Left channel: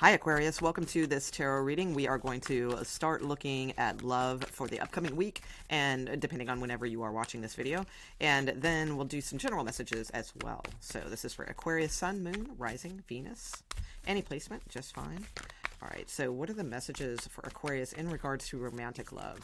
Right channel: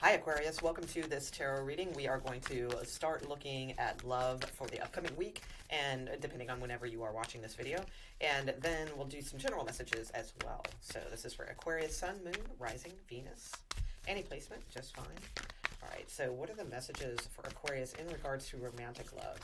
Hi Aquarius, welcome to this tarot reading. We are going to start looking at love for the upcoming week, and depending on whenever you are watching this video, and then we'll do some general messages as well. So this is for Aquarius, Sun, Moon, Rising, Venus. Any placement, just fine. All right, so what are the messages for Aquarius in regards to romantic love?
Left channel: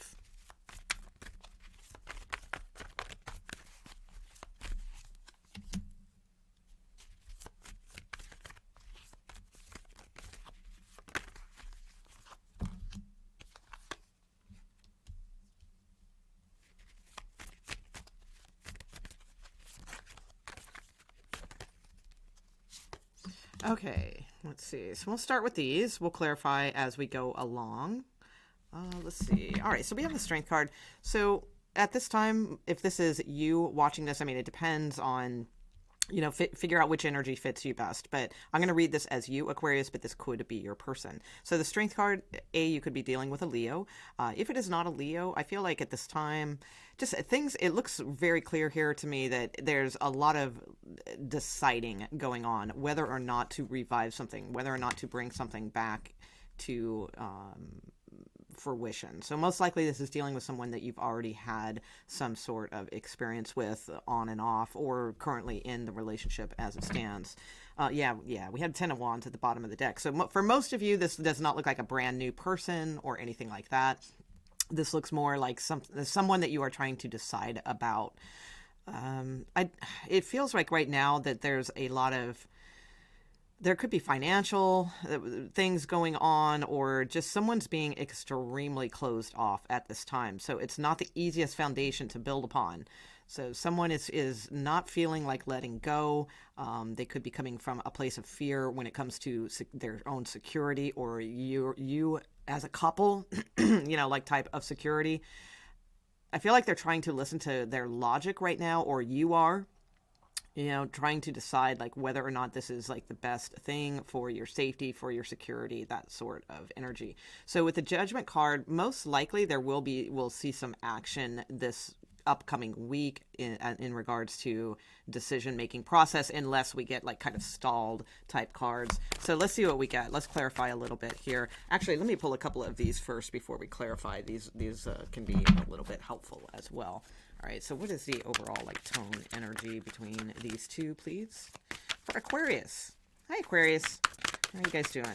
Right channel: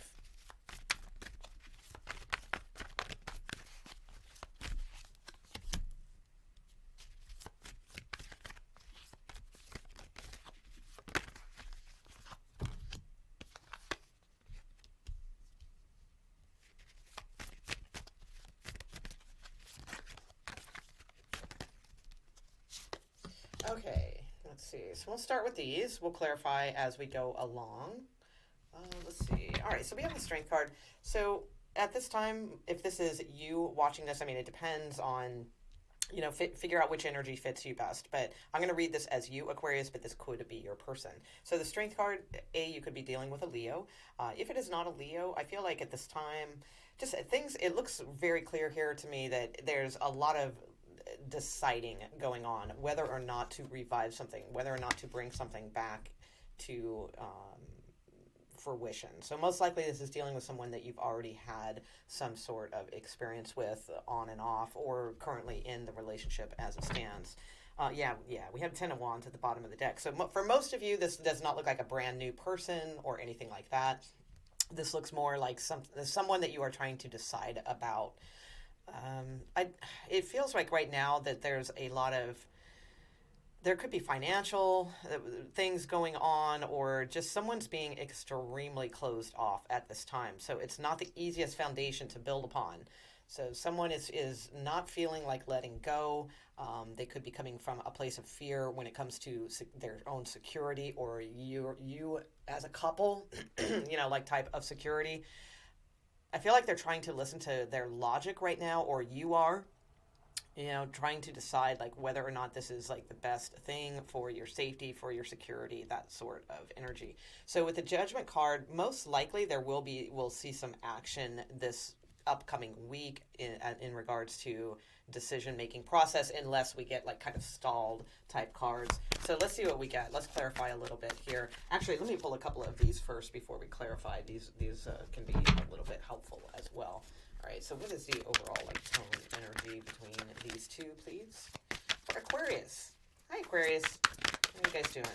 Okay, let's see. So we'll start with these. We'll clarify as we go along. Let's see. All right, so we have the Strength card. So at this time, if this is you watching this, I mean, it depends on, figure out which energy fits you best. But I'm going to read this as you, Aquarius, but this could be your person. So the Strength card, you could be dealing with a Leo. If it is not a Leo, I feel like at this time, just things, it looks very clear here to me that there's a lot of deciding going on whether or not to revive something, whether or not to bring something back to fruition. So most likely this is dealing with someone that you've already had some sort of experience with on and off, or currently in the relationship as it stands. Yeah, we have 10 of Wands at the bottom of the deck. So for most of you, this does not look like a brand new person or anything like that. This looks more like someone that you are trying to decide about. It feels like right now that there's a lot of, there could be financial things going on, or just someone's being extremely closed off at this time. So it's not the easiest foundation to build upon. So someone is not feeling like letting go. They could be coming from a place of fear when it comes to their own security, or you as a couple, like type of security. I feel like they're trying to listen to their logic right now, or you are, trying to decide like whether or not this is like the best thing for your safety, for your security, that sort of energy. So with the Judgment card, most likely we'll see some action this upcoming week in regards to decision-making process, unless we get like kind of stalled type cards. So let's see what we get. Let's clarify a little bit here. Actually, let me pull a couple of these first before we clarify. These can be a little bit helpful as well. All right, so what is the overall like tone energy between these two, please? For Aquarius. Hi, Aquarius. How are you guys doing?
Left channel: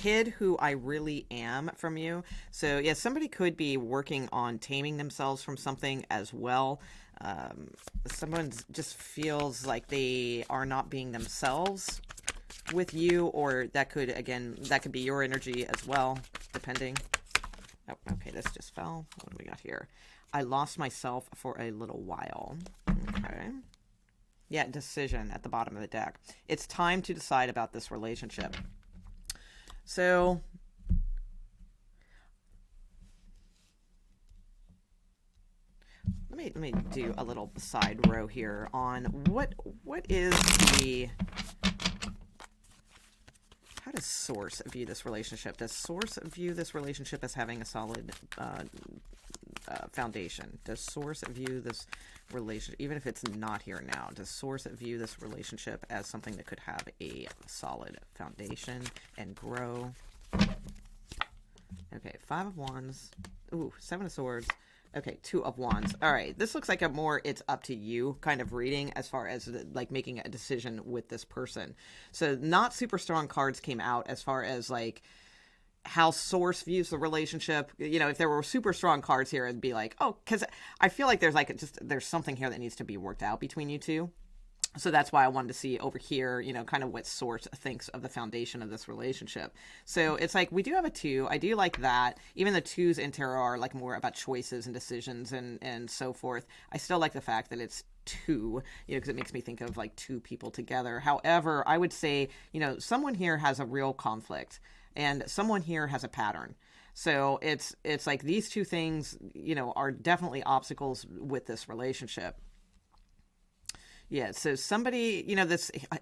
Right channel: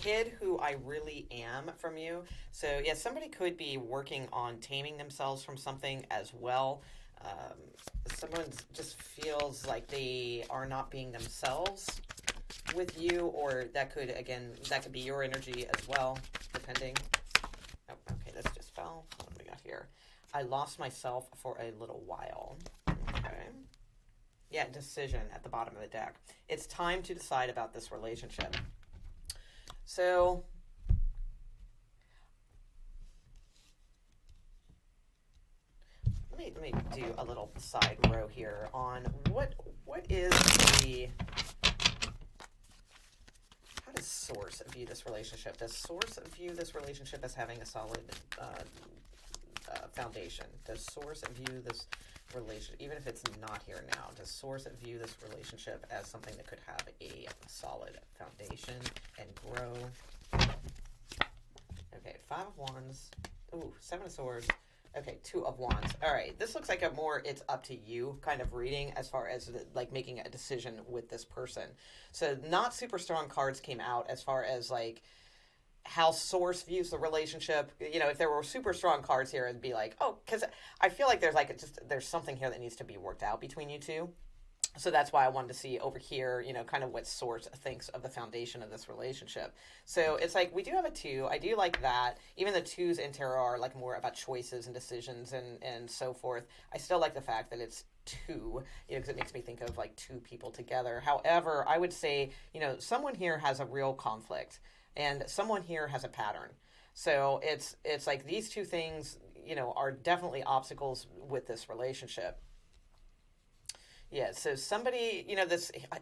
Hid who I really am from you. So yeah, somebody could be working on taming themselves from something as well. Someone just feels like they are not being themselves with you, or that could be your energy as well, depending. Oh, okay, this just fell. What do we got here? I lost myself for a little while. Okay. Yeah, decision at the bottom of the deck. It's time to decide about this relationship. So let me do a little side row here on what is the, how does Source view this relationship? Does Source view this relationship as having a solid foundation? Does Source view this relationship, even if it's not here now, does Source view this relationship as something that could have a solid foundation and grow? Okay, 5 of Wands. Ooh, 7 of Swords. Okay, 2 of Wands. All right, this looks like a more it's up to you kind of reading as far as like making a decision with this person. So not super strong cards came out as far as like how Source views the relationship. If there were super strong cards here, it'd be like, oh, because I feel like there's something here that needs to be worked out between you two. So that's why I wanted to see over here, kind of what Source thinks of the foundation of this relationship. So it's like, we do have a 2. I do like that. Even the 2s in tarot are like more about choices and decisions and so forth. I still like the fact that it's 2, because it makes me think of like 2 people together. However, I would say, someone here has a real conflict, and someone here has a pattern. So it's like these 2 things, are definitely obstacles with this relationship. Yeah, so somebody,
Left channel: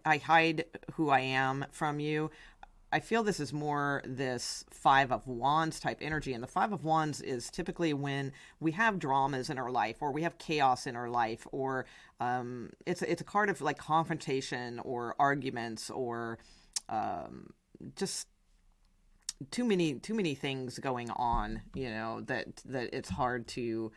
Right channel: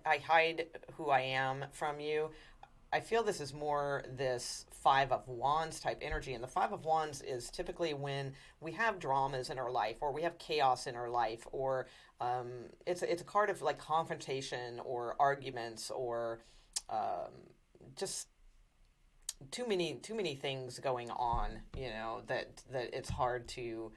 I hide who I am from you. I feel this is more this Five of Wands type energy. And the Five of Wands is typically when we have dramas in our life, or we have chaos in our life, or it's a card of like confrontation or arguments, or just too many things going on, that it's hard to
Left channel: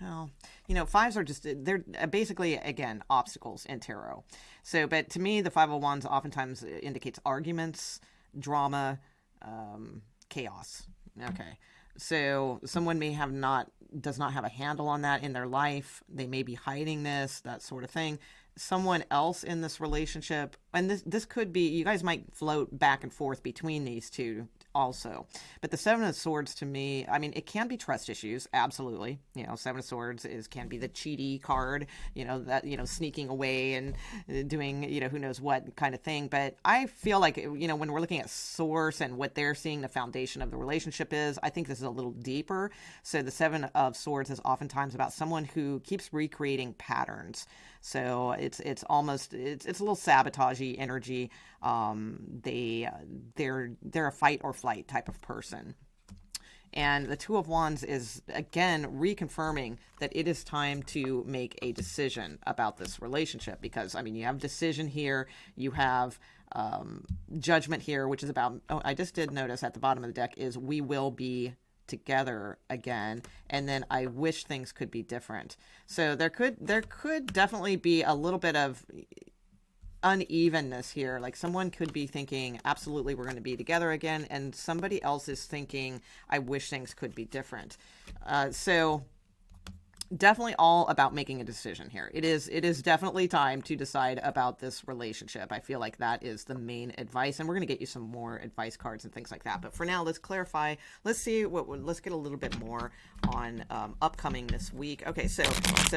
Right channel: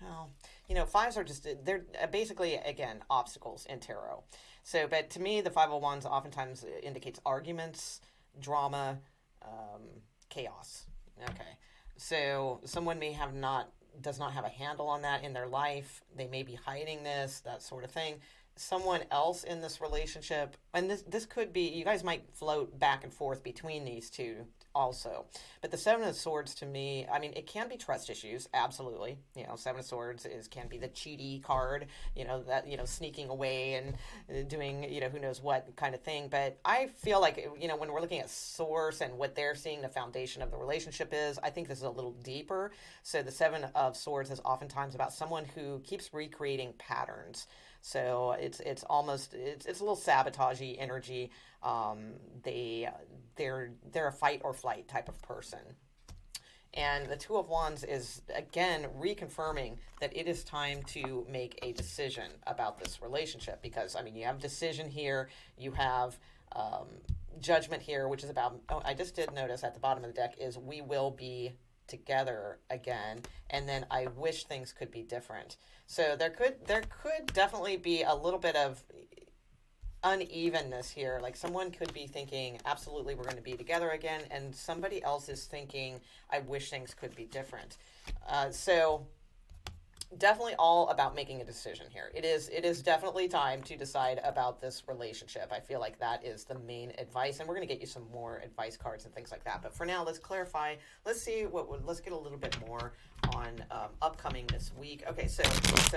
well, fives are just, they're basically, again, obstacles in tarot. So, but to me, the Five of Wands oftentimes indicates arguments, drama, chaos. Okay. So someone may does not have a handle on that in their life. They may be hiding this, that sort of thing. Someone else in this relationship, and this could be, you guys might float back and forth between these two also. But the Seven of Swords, to me, I mean, it can be trust issues, absolutely. Seven of Swords can be the cheaty card, that, sneaking away and doing, who knows what kind of thing. But I feel like, when we're looking at source and what they're seeing the foundation of the relationship is, I think this is a little deeper. So the Seven of Swords is oftentimes about someone who keeps recreating patterns. So it's almost, it's a little sabotagey energy. They're a fight or flight type of person. And the Two of Wands is, again, reconfirming that it is time to make a decision about this relationship. Because, I mean, you have decision here, you have judgment here, which is about, I just did notice at the bottom of the deck is we will be together again, and then I wish things could be different. So there could definitely be a little bit of unevenness here. Like someone could be thinking, absolutely, we're going to be together again, and somebody else is thinking, I wish things could be different. So definitely all about making a decision here. It is definitely time to decide about this relationship. I feel like that is the main advice, and we're going to get you some more advice cards and things like that. But for now, let's clarify. Let's get a little bit more on upcoming this week. Okay, so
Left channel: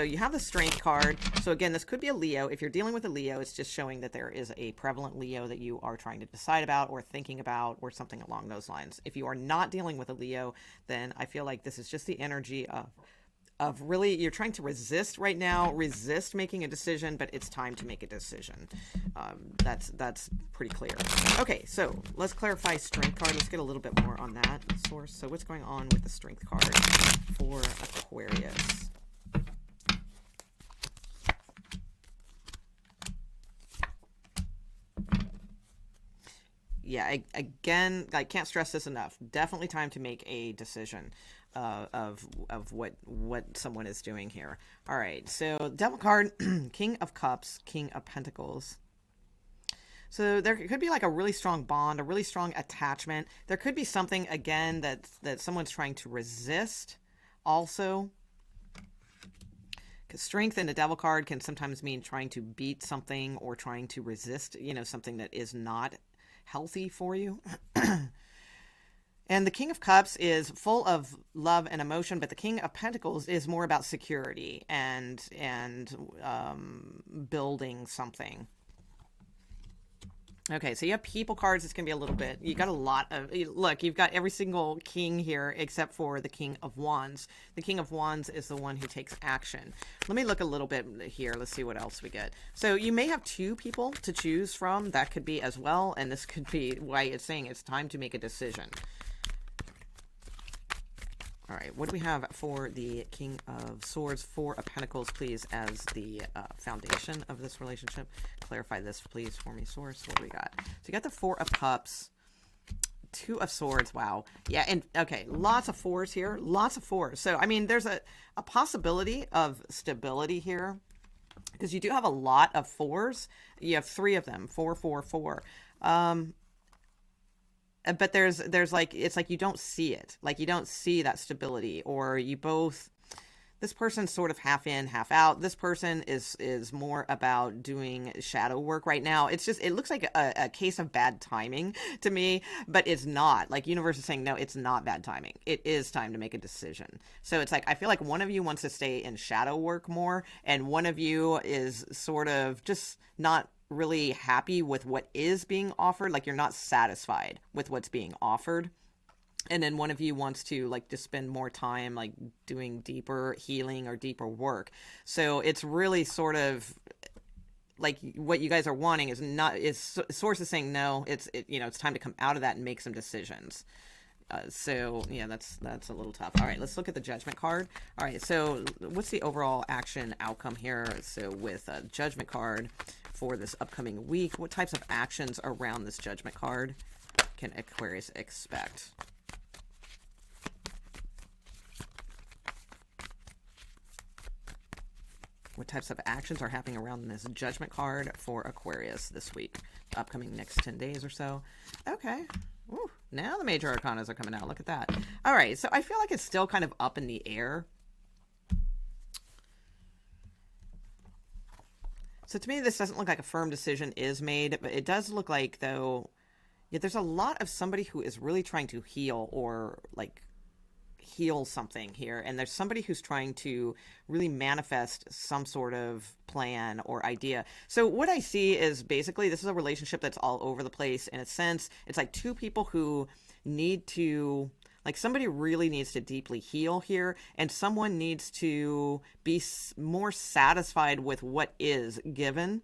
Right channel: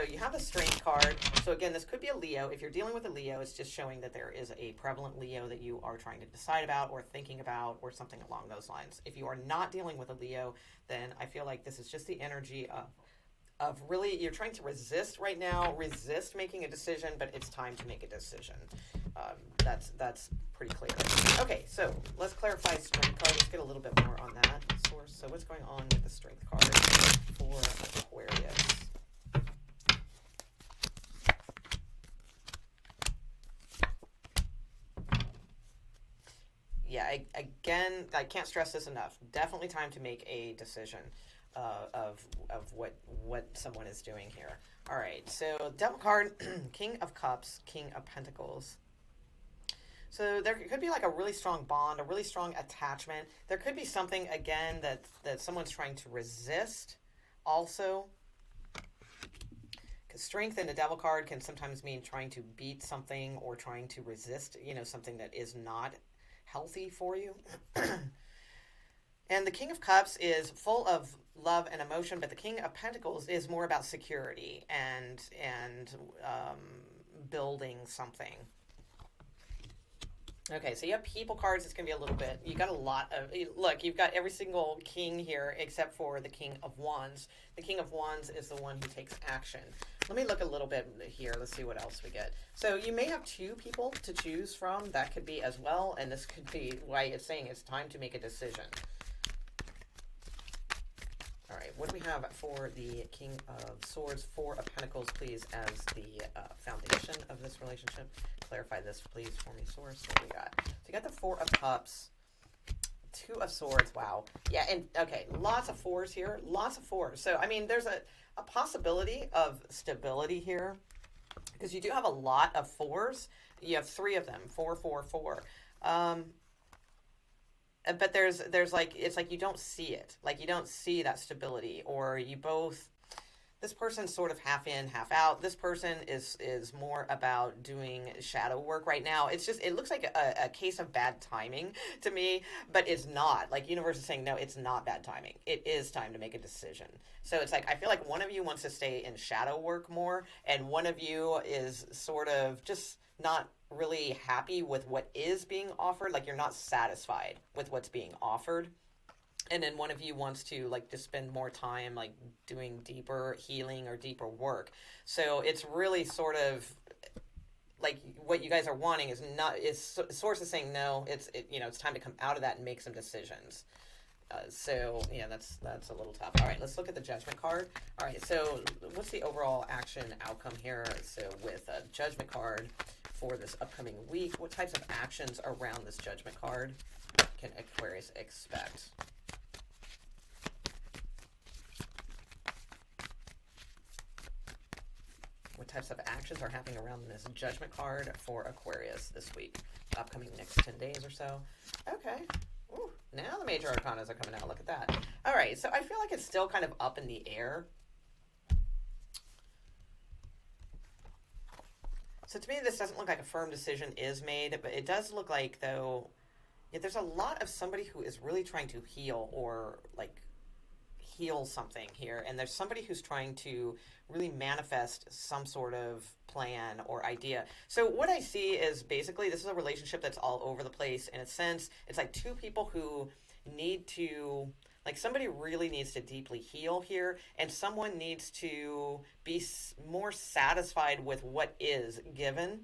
you have the Strength card. So again, this could be a Leo. If you're dealing with a Leo, it's just showing that there is a prevalent Leo that you are trying to decide about or thinking about or something along those lines. If you are not dealing with a Leo, then I feel like this is just the energy of really, you're trying to resist right now, resist making a decision, but it's time to make a decision. That's pretty clear. Okay, so let's clarify Strength card. Let's get a little bit more on that source. So what's going on with the Strength card for Aquarius? Yeah, again, I can't stress this enough. Definitely time to make a decision of what someone is doing here. All right, so Devil card, King of Cups, King of Pentacles. So there could be like a really strong bond, a really strong attachment. There could be something, again, that someone's trying to resist also. Because Strength in the Devil card can sometimes mean trying to beat something or trying to resist, something that is not healthy for you. And the King of Cups is full of love and emotion, but the King of Pentacles is more about security and building something. Okay, so you have People cards. It's going to be a little bit. You got a lot of... Look, you've got every single king here except for the King of Wands. The King of Wands is the one who takes action. Let me look a little bit here. Let's see what else we get. So you may have two people to choose from. That could be as well, and this could be why it's saying it's time to make a decision. All right, what do we have for the King of Swords? Four of Pentacles, please, as the foundation of this relationship. Clarify this, please, for me, Source. What do we got? So you got the Four of Cups, Two of Swords. Wow. Yeah, and okay, lots of fours here. Lots of fours. So, I mean, there's a possibility of stability here because you do have a lot of fours. You have three of them, 4, 4, 4. But there's like, it's like you don't see it. Like you don't see that stability, or you both, this person's sort of half in, half out. This person is more about doing shadow work right now. It's just, it looks like a case of bad timing to me, but it's not. Like universe is saying, no, it's not bad timing. It is time to make a decision. So it's like, I feel like one of you wants to stay in shadow work more, and one of you is sort of just not really happy with what is being offered. Like you're not satisfied with what's being offered. And then one of you wants to like just spend more time like doing deeper healing or deeper work. So it's really sort of, like what you guys are wanting is not, is source is saying no, it's time to come out of that and make some decisions. So yeah, that's a little tough. All right, let's look at the Judgment card. All right, so what's the overall action outcome here? So with a Judgment card for this upcoming week, what types of actions around this Judgment card can Aquarius expect? What types of actions are happening around this Judgment card for Aquarius this week, the upcoming next 10 days or so? Okay. Ooh, now the major arcanas are coming out. Look at that. All right, so I feel like it's still kind of up in the air. So to me, this doesn't look like a firm decision is made, but it does look like, though, yeah, there's a lot of somebody who is really trying to heal or, like, heal something here, and there's somebody who's trying to really manifest some sort of plan or idea. So what I see is basically this is a relationship that's all over the place. In a sense, it's like two people who need to, like, somebody really needs to deeply heal here, and someone needs to be more satisfied with what is given.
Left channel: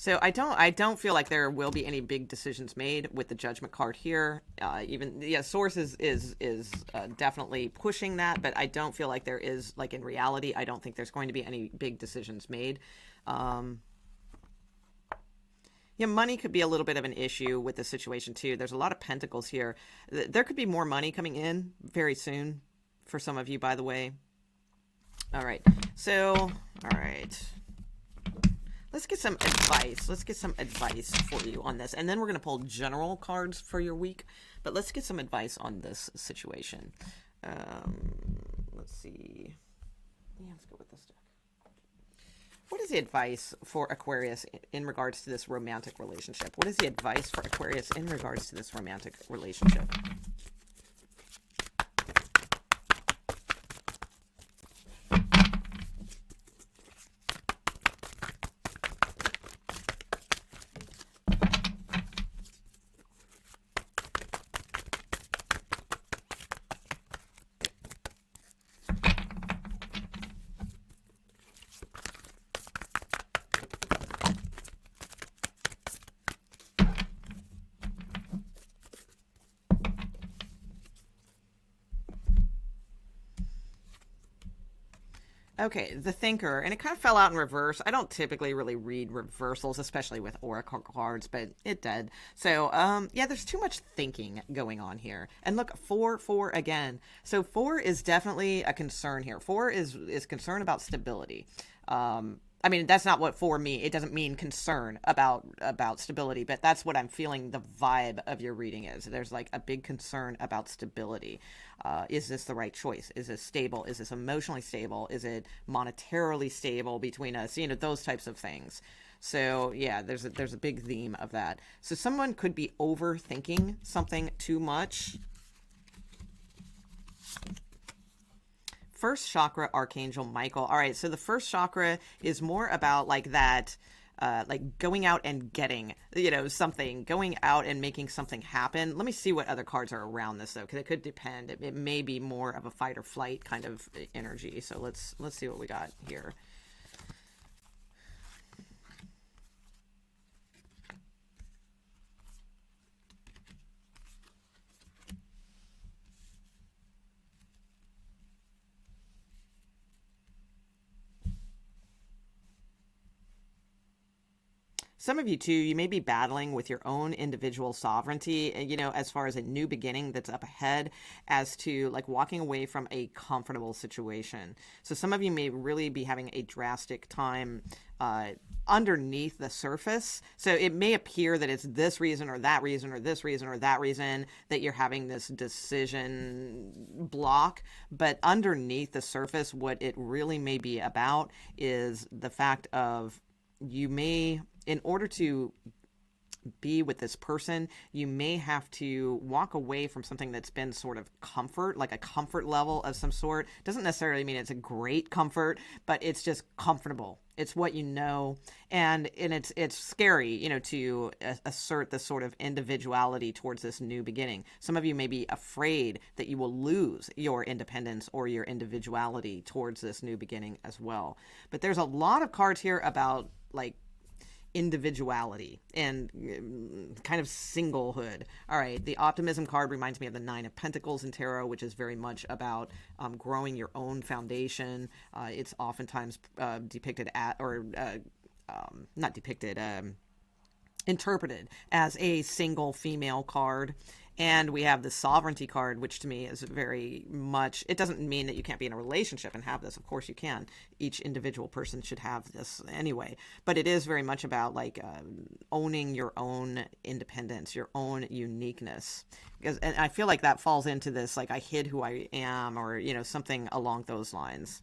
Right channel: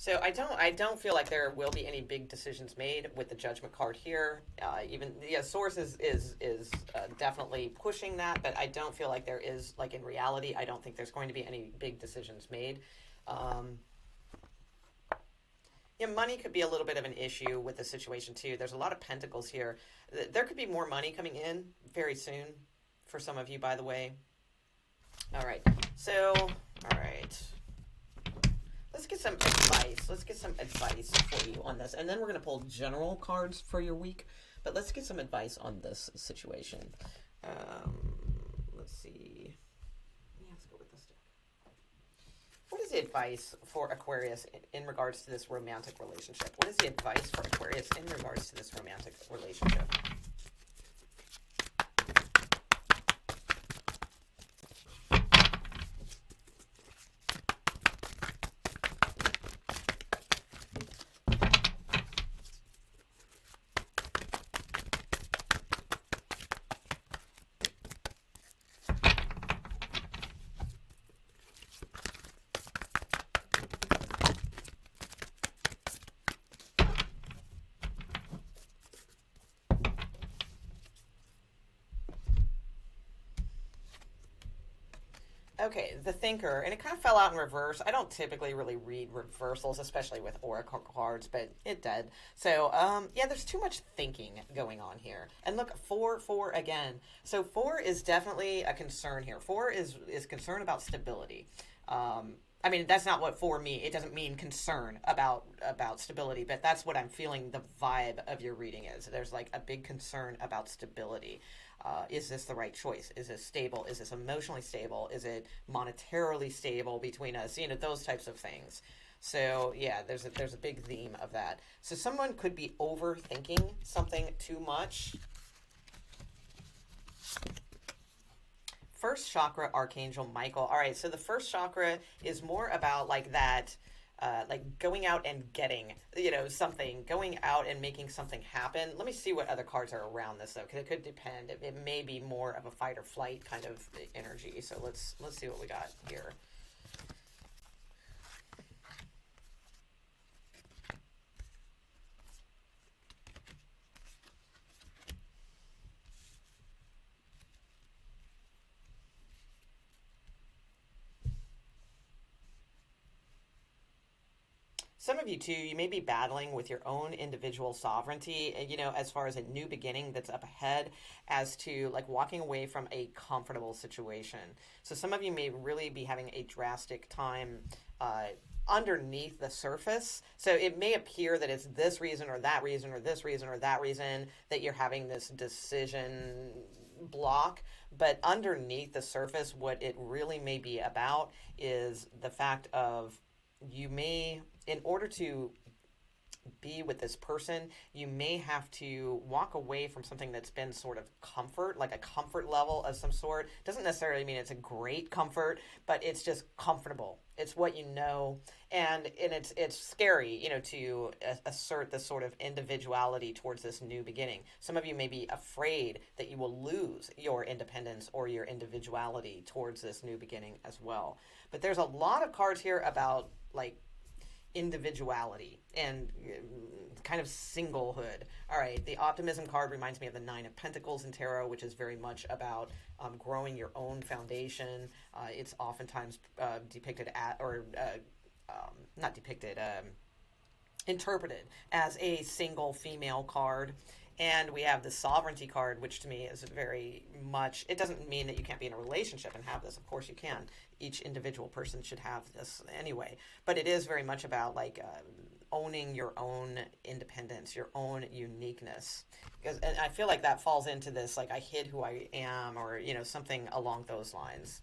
So I don't feel like there will be any big decisions made with the Judgment card here. Source is definitely pushing that, but I don't feel like there is, like, in reality, I don't think there's going to be any big decisions made. Money could be a little bit of an issue with the situation too. There's a lot of pentacles here. There could be more money coming in very soon for some of you, by the way. All right. So, all right. Let's get some advice. Let's get some advice for you on this. And then we're going to pull general cards for your week. But let's get some advice on this situation. Let's see. Yeah, let's go with this deck. What is the advice for Aquarius in regards to this romantic relationship? What is the advice for Aquarius in regards to this romantic relationship? Okay, the Thinker, and it kind of fell out in reverse. I don't typically really read reversals, especially with oracle cards, but it did. So, yeah, there's too much thinking going on here. And look, 4 again. So 4 is definitely a concern here. 4 is concern about stability. I mean, that's not what 4 means. It doesn't mean concern about stability, but that's what I'm feeling the vibe of your reading is. There's like a big concern about stability. Is this the right choice? Is this stable? Is this emotionally stable? Is it monetarily stable between us? Those types of things. So yeah, there's a big theme of that. So someone could be overthinking something too much. First chakra, Archangel Michael. All right, so the first chakra is more about like that, like going out and getting, something, going out and making something happen. Let me see what other cards are around this though, because it could depend. It may be more of a fight or flight kind of energy. So let's see what we got here. Some of you too, you may be battling with your own individual sovereignty, as far as a new beginning that's up ahead, as to like walking away from a comfortable situation. So some of you may really be having a drastic time underneath the surface. So it may appear that it's this reason or that reason or this reason or that reason that you're having this decision block. But underneath the surface, what it really may be about is the fact of you may, in order to be with this person, you may have to walk away from something that's been sort of comfort, like a comfort level of some sort. Doesn't necessarily mean it's a great comfort, but it's just comfortable. It's what you know, and it's scary, you know, to assert this sort of individuality towards this new beginning. Some of you may be afraid that you will lose your independence or your individuality towards this new beginning as well. But there's a lot of cards here about like individuality and kind of singlehood. All right, the Optimism card reminds me of the Nine of Pentacles in tarot, which is very much about growing your own foundation. It's oftentimes depicted at, or not depicted, interpreted as a single female card. And we have the Sovereignty card, which to me is very much, it doesn't mean that you can't be in a relationship and have this. Of course you can. Each individual person should have this anyway. But it is very much about like owning your own independence, your own uniqueness. And I feel like that falls into this, like I hid who I am, or, you know, something along those lines.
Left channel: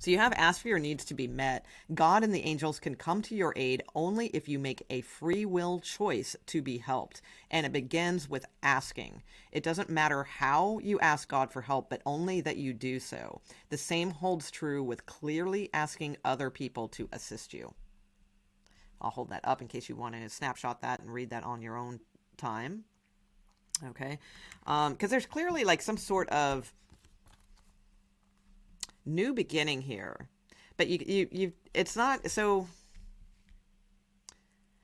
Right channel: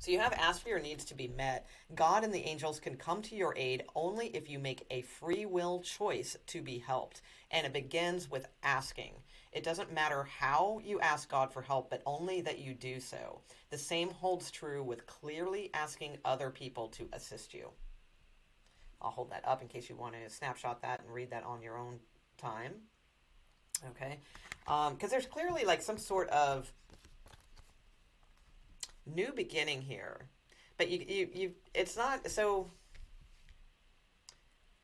So you have asked for your needs to be met. God and the angels can come to your aid only if you make a free will choice to be helped. And it begins with asking. It doesn't matter how you ask God for help, but only that you do so. The same holds true with clearly asking other people to assist you. I'll hold that up in case you want to snapshot that and read that on your own time. Okay? Because there's clearly like some sort of new beginning here, but you it's not so.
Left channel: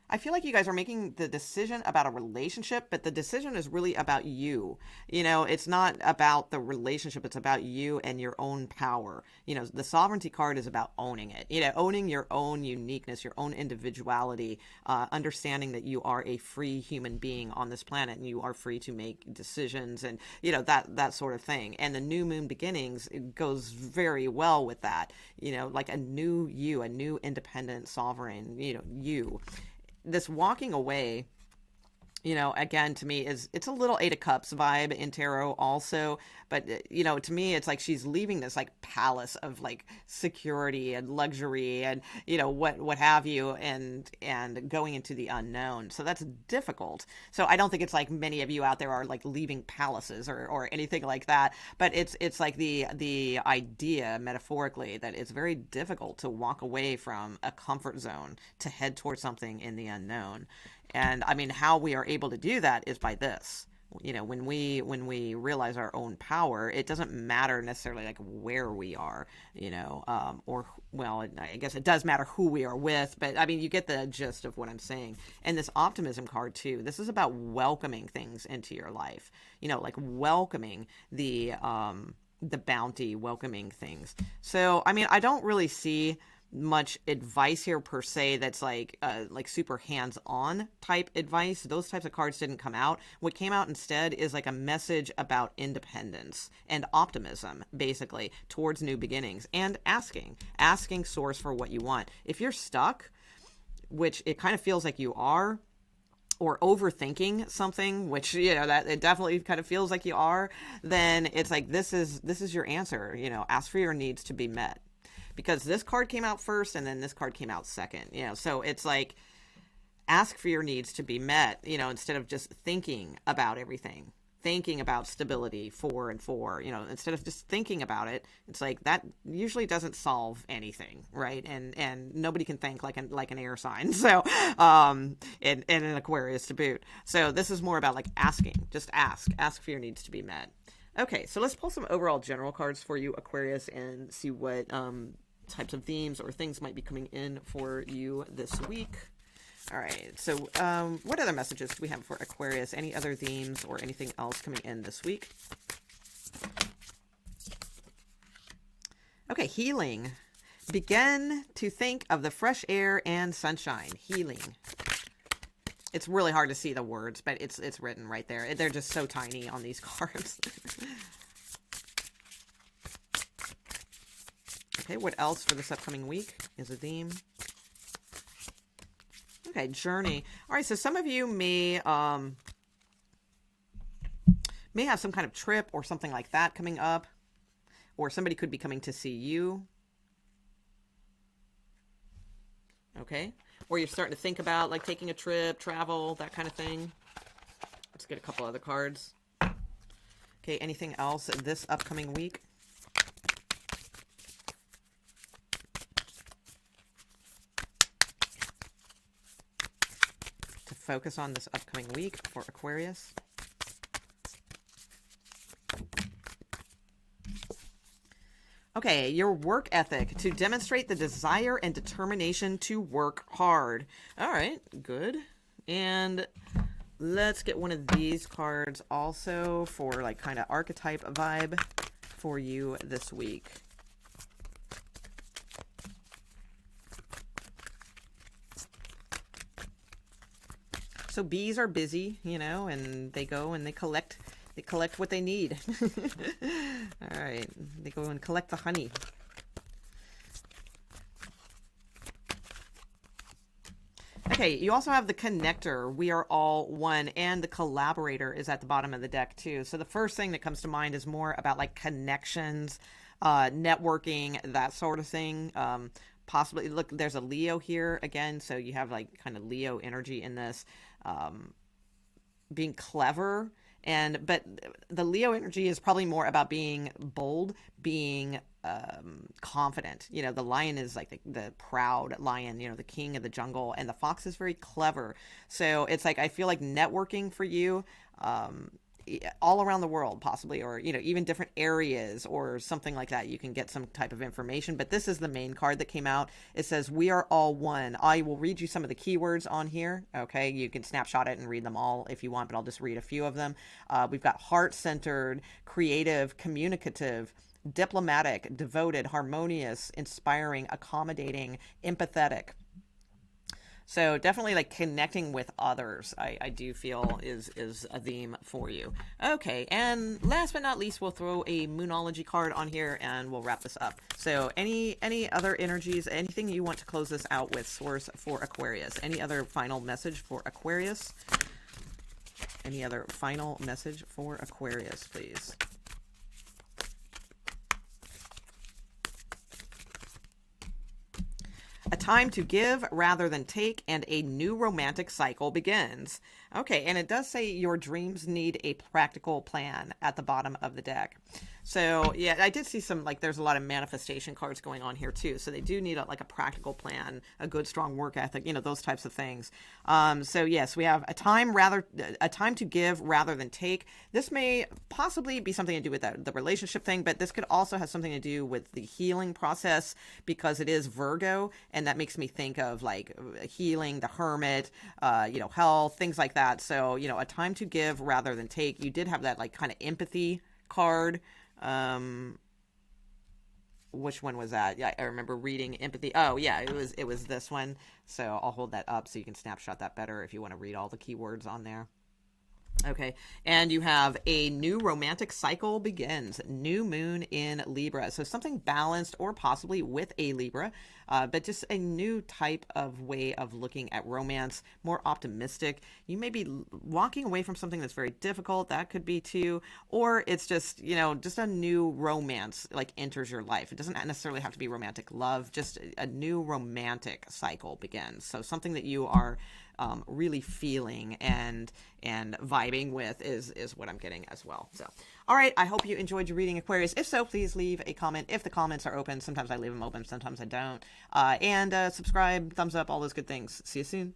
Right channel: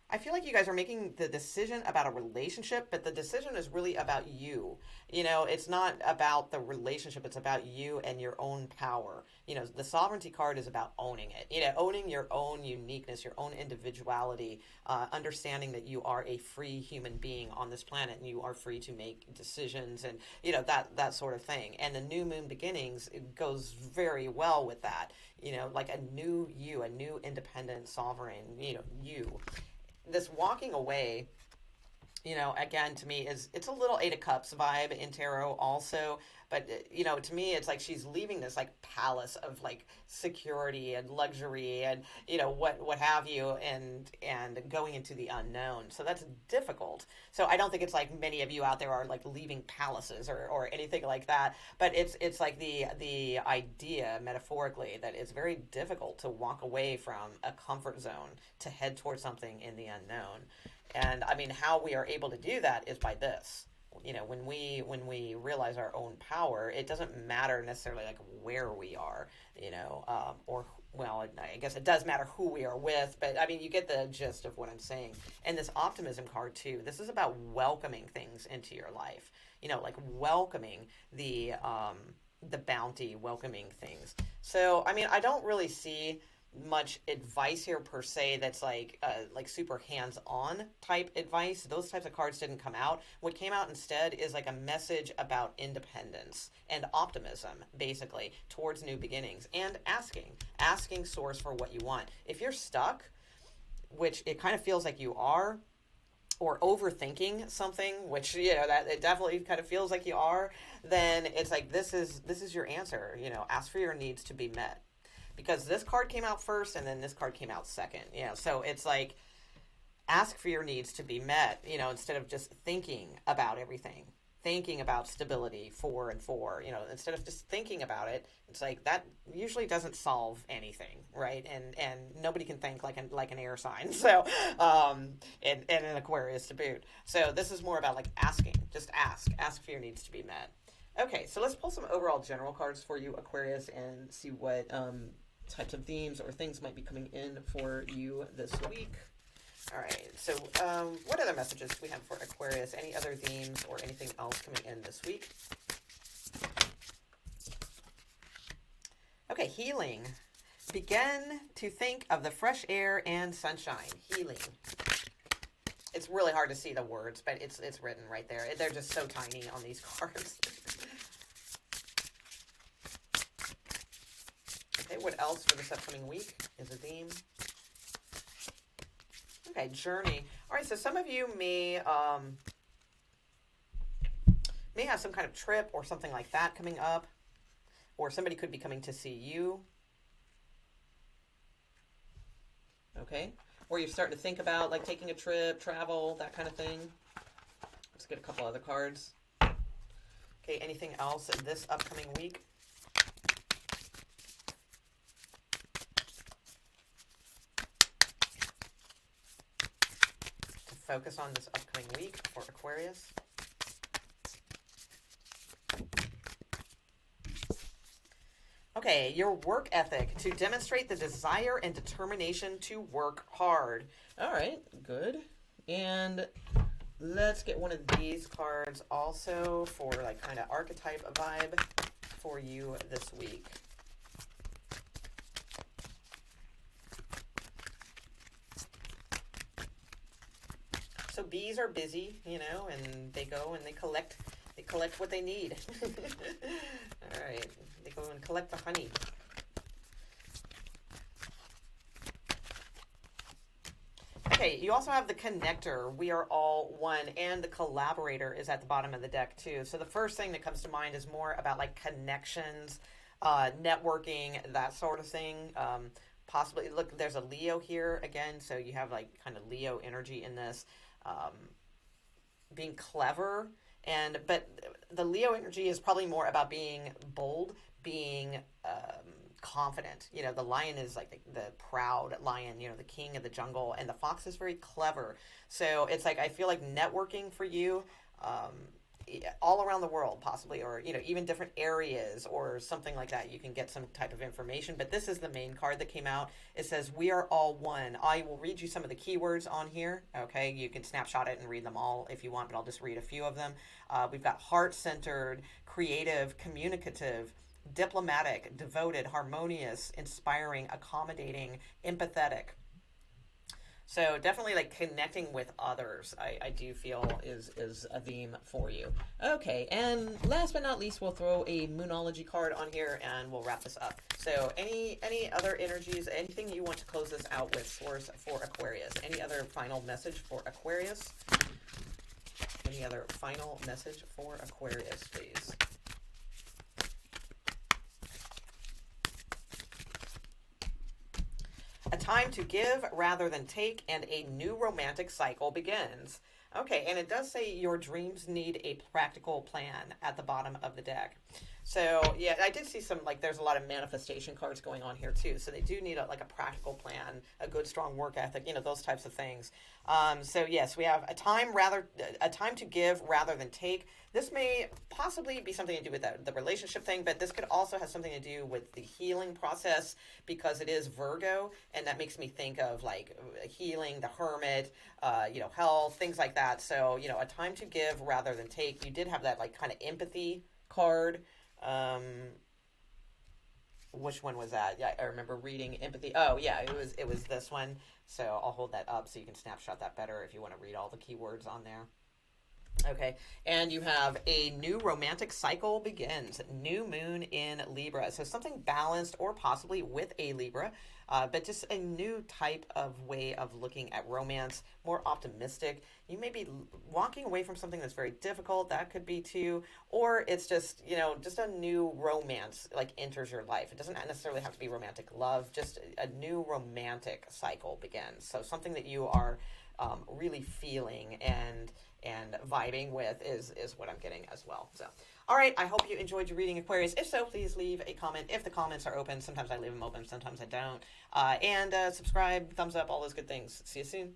I feel like you guys are making the decision about a relationship, but the decision is really about you. You know, it's not about the relationship. It's about you and your own power. You know, the Sovereignty card is about owning it, you know, owning your own uniqueness, your own individuality, understanding that you are a free human being on this planet and you are free to make decisions and, you know, that sort of thing. And the new moon beginnings, it goes very well with that, you know, like a new you, a new independent sovereign, you know, you. This walking away, you know, again, to me it's a little Eight of Cups vibe in tarot also, but you know, to me it's like she's leaving this like palace of like security and luxury and, you know, what have you, and going into the unknown. So that's difficult. So I don't think it's like many of you out there are like leaving palaces or anything like that, but it's like the idea metaphorically that it's very difficult to walk away from a comfort zone to head towards something in the unknown. And I mean, how we are able to do that is by this. You know, when we realize our own power, it doesn't matter necessarily like where we are, you know, or, well, I guess it does matter who we are with, but I mean, you get the gist of what I'm saying. And this Optimism card too, this is about welcoming things into your life, you know, like welcoming the bounty, welcoming things. So, I mean, I don't really see much advice here per se that's like super hands-on type advice. Those types of cards didn't come out. What came out instead is like a message about independence and optimism, basically, towards new beginnings, and asking source for what you want. If you're stuck, which it kind of feels like you are, or overthinking something, which, you know, that it definitely kind of feels like you are, then it's like this is your answer. You know, ask for your needs to be met. Because this card came out first and then this card came out second, you know, so it's like ask for your needs to be met, you know, instead of just thinking about everything, thinking about stability 4 and 4, you know, instead of just thinking about it, it's like that usually doesn't solve anything, right? And nobody can think like an air sign, so and an Aquarius to boot. So this is more about like asking, just ask for your needs to be met. Okay, so let's pull some overall general cards for you, Aquarius, and see what types of themes or things might be coming in for you this week. All right, so what other messages do we have for Aquarius? Any other themes or anything else coming in this week? Okay, healing. Begin to think of the fresh air and sunshine. Healing. It's really hard to see the words, but it's written right there. They're just so tiny on these cards. Okay, what else for this upcoming week is a theme? Okay, journey. All right, so some of you may have some kind of trip or something like that coming up, or somebody could be coming to see you. Okay, or you're starting to think about like taking a trip, travel, that kind of thing. Let's get a couple other cards. Okay, anything else this upcoming week? focus on this upcoming week for Aquarius? Okay, your work ethic, to demonstrate the desire and determination to work hard. All right, good. And let's get one of these cards also for like kind of archetype vibe for you this week. So bees are busy, you know, and they go and they collect what they need. All right, they go and collect the honey. Okay, you also have the connector. We are all one, and the collaborator is at the bottom of the deck too. So the first thing that comes to mind is more about like connections, networking, that sort of thing. Possibly, look, there's a Leo here again, so you have like kind of Leo energy in this. Being clever, but the Leo energy is probably more about being bold, being confident. You know, the lion is like the proud lion, you know, the king of the jungle, and the fox is very clever. So it's like, I feel like networking for you, all around the world possibly, or, you know, even different areas or something like that, you can get some type of information. But this is the main card that came out. It says, we are all one. I will read you some of the keywords on here. Okay, you can snapshot it and read them all if you want, but I'll just read a few of them. We've got heart-centered, creative, communicative, diplomatic, devoted, harmonious, inspiring, accommodating, empathetic. So definitely like connecting with others, I do feel is a theme for you. Okay, and last but not least, we'll throw a Moonology card on here and we'll wrap this up. So any other energies, anything you want to close this out with, source, for Aquarius? Any other final message for Aquarius? Any other final message for Aquarius, please? A time to give rather than take, and a new romantic cycle begins. Okay, and it does say your dreams need a practical plan at the bottom of the deck. So, yeah, I did see some, like, there's a lot of manifestation cards going on here, too. So they do need, a practical plan, a good, strong work ethic, you know, those types of things. So, yes, we have a time to give rather than take. This may possibly be something to do with the relationship thing, but this could also have something to do with the healing process, because it is Virgo, and that makes me think of, like, healing, the hermit, you know, health, things like that. So, you know, a time to give rather than take. You did have that, like, kind of empathy card. Which one was that? Yeah, I remember reading empathy. Oh yeah, it was this one. So I'll hold that up so you can snapshot that better if you want to read all the keywords on there. Okay, and you have a new romantic cycle begins. New moon in Libra. So something balanced or possibly with a Libra, but just a new type of way of looking at romance, more optimistic. You may be walking away from something that's very difficult. That could be too. Or it's just, you know, just a new romance like enters your life. It doesn't necessarily have to be romantic love. Just a new romantic cycle begins. So something that you are really feeling and vibing with is what I'm getting as well. So, all right, I hope you enjoyed your reading, Aquarius. If so, please leave a comment. If the comments are open, sometimes I leave them open, sometimes I don't. And subscribe, thumbs up, all those good things. See you soon.